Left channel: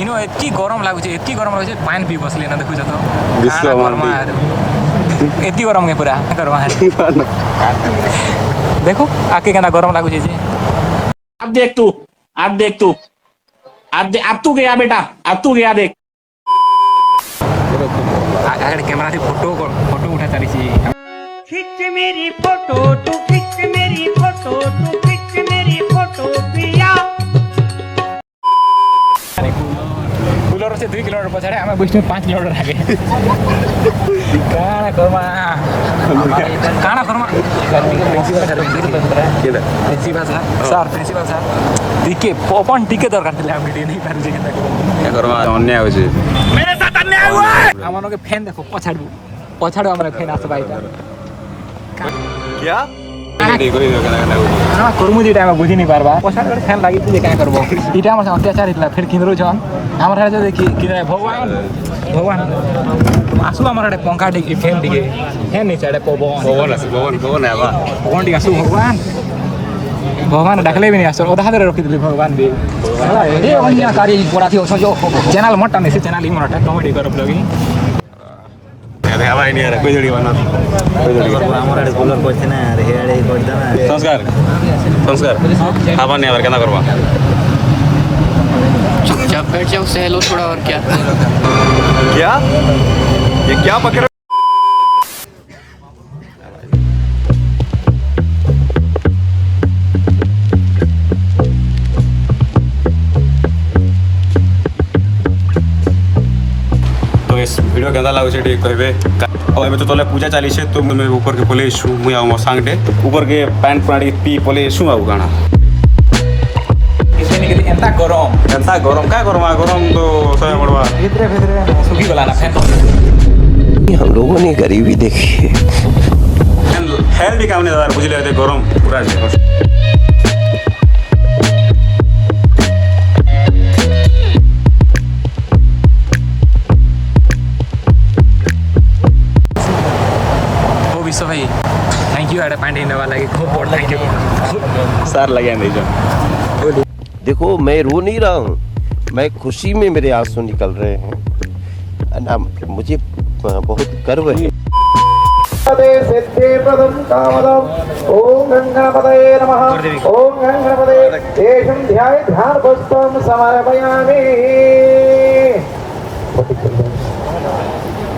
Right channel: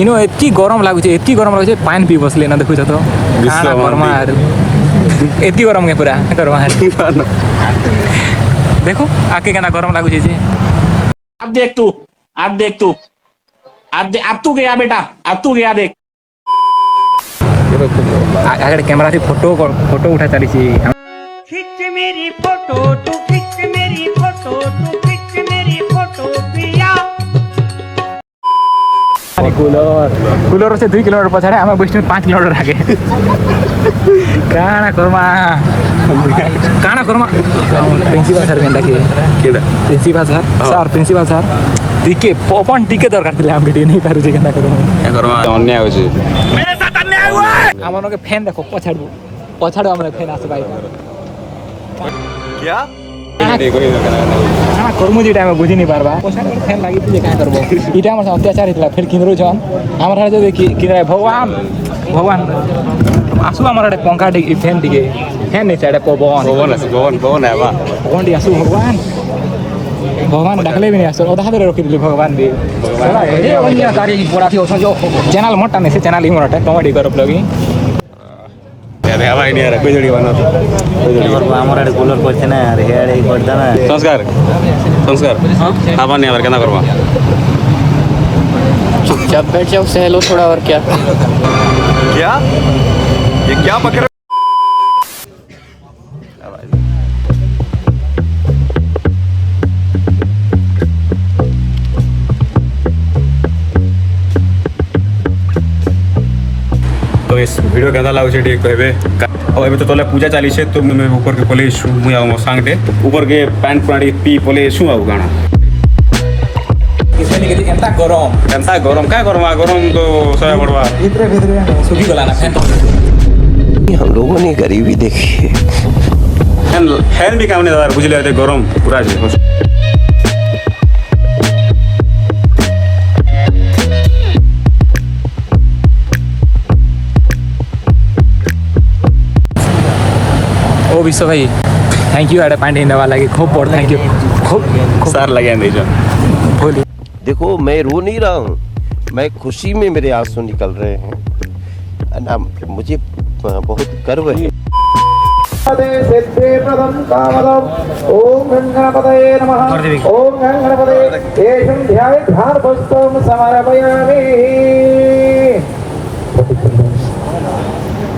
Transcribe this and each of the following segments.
इनो एतकी गरम लागुचे पानी पी बसले ना देखु तो खाना गरमा आरु एतकी गरम के पूरा गरमा देखो आके केना गरम लागुचे जे अब देख तू अब तू गया बेटा अब तू गया देख आगे कैमरा से फोटो उठा चली खिंच मेरी फोटो तू खिंच मेरी फोटो तू खिंच मेरी फोटो पिया कूलर से 2 किलोमीटर पछाडे आमा बस्नु 5 किलोमीटर आगे काना कर्मा प्रिंसिपल सर केनता के प्रिंसिपल सर टिके पपन टिके दरकार थिले हम भिडियो नहीं पारु जे केनता के अन्याय हो जे मेरे साथ अन्याय हुआ हमनो के फैन देखो पछाडो हमरा फैन आसे भाई क्या हाँ कर्मु जे टाइम बुझी नहीं पारबा पछाडो फैन लागि जे का करबो ई टाइम से अत्याचार हितला फिर किनरो जन हमरा जे देखि किनरा भगवान आसु हमरा पंखा डी फैन नहीं चाहे भवन है बा भगवान डी आसु भगवान डाकले भी नहीं आसु ओदा हादरे रखि दिली भगवान दी साला ए अन्य कार्य पड़ा थी ओछो जो चैनल मोटा नहीं से चैनल ही मोटा कॉमेडी करब लगी हवा नहीं आ रहा कोई जोड़ी बना हमारा कूलर को ना हेड ही करता ना संस्कार सामान्य और केना करबा चुपचाप बैठ जाओ सहलो थोड़ा और क्या ये क्या पकड़ वीडियो केदा लागुछे ठीक कहबे अब एबे तो तले पूजा चाली छे तो मैं ऊपर के पले छु मुई आ सांगटे ऊपर के पैंट पाड़ी पी पले छु आ गाना एंता गरम का गरम तो सोया पड़वा सुखी गला ना फैन हम लोगों ने गरीबी देखी है फैन भी काम नहीं दार बुझले ते गरम पूरा जे विश्व भाई थैंक यू पॉइंट हिंदा वाला की खूब बहुत थैंक यू खूब सर लगे नहीं देखो मैं रो नहीं रहा हूँ मैं खुशी में मेरे आंसू निकल रहे हैं ना मुझे बहुत गर्व है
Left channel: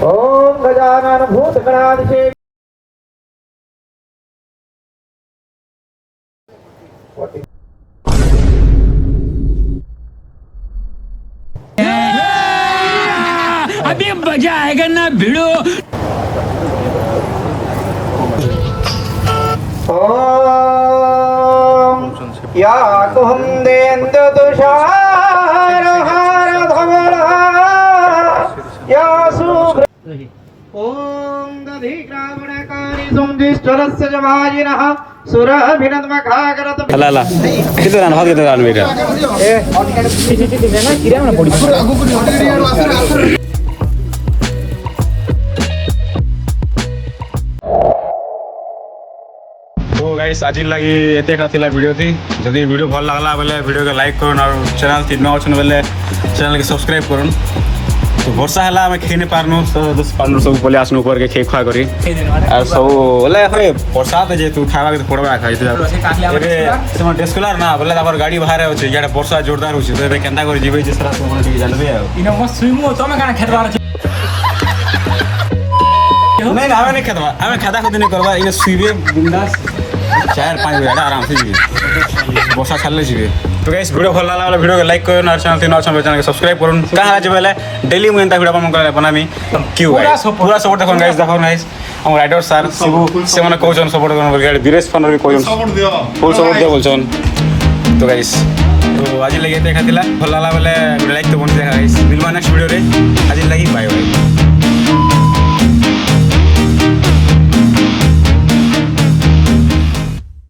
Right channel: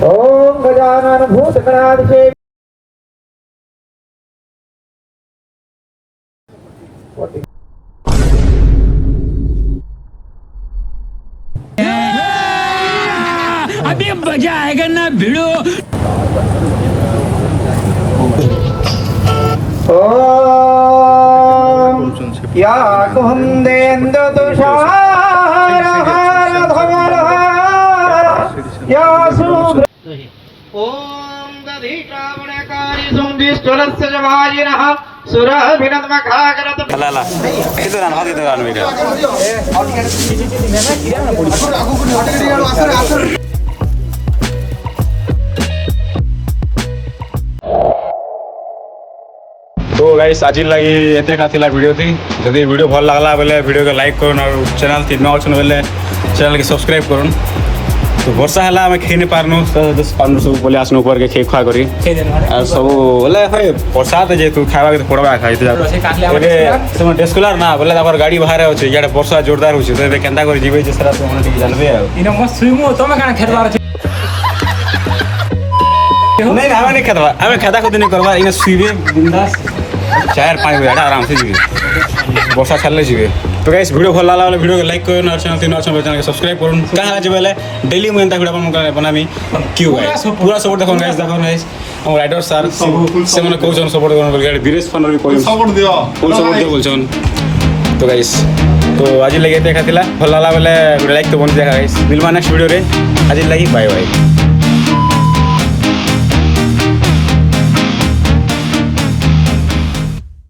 ओम गजानन भूतगणाधिसेवितम् अभी मजा आएगा ना भिड़ो ओम या कुंदेंद्र तुषारहार धवलहार या शुभ्र ओम दधि श्रावणकारी सुंदिश्चरस्य जवाजिनः सुरभिनद्मखागरत ला कितने रान हो कितने रान मेरे तो गाइस आज लगी एते खातिला वीडियो थी जदि वीडियो भल लागला बेले वीडियो को लाइक करन और चैनल थी न अछन बेले चैनल के सब्सक्राइब करन तो वर्षा हला हम खेने पारनु पारनु सब बोले आसनु ऊपर के खे खा करी और सब बोले होय प्रसाद जे तू खावा के पड़बा खाइ तो एबे सम डेस्कुलर ना बोले तापर गाड़ी बाहर होचे याडे वर्षा जोरदार होचे तो केंता कर जीवे जे सरा तो मन जानबे इन मस्त स्विमो तमे काना खेतबार नहीं हमें खेतबा हमें खाता खुद नहीं करबा इन सुइबे बिंदास 4-5 बजे आराम से जीवे वर्षा खाले जीवे तो गाइस वीडियो भल लागला वीडियो को लाइक करन और चैनल के सब्सक्राइब करन कहा जे बेले डेली मुई एंता वीडियो बनामी क्यों गाइस पूरा सपोर्ट देखन गाइस हम राइडर सर शिबू से माने कहउछन सपोर्ट करन बोल धीरेश फन भी कहउछन सपोर्ट दियो फुल सपोर्ट दियो बोलछन तो गाइस तो आज लगे देखा थिला भल लागला बेले लाइक तो बन जा गाइस मिलवा नेक्स्ट वीडियो रे आज लगी बाय बाय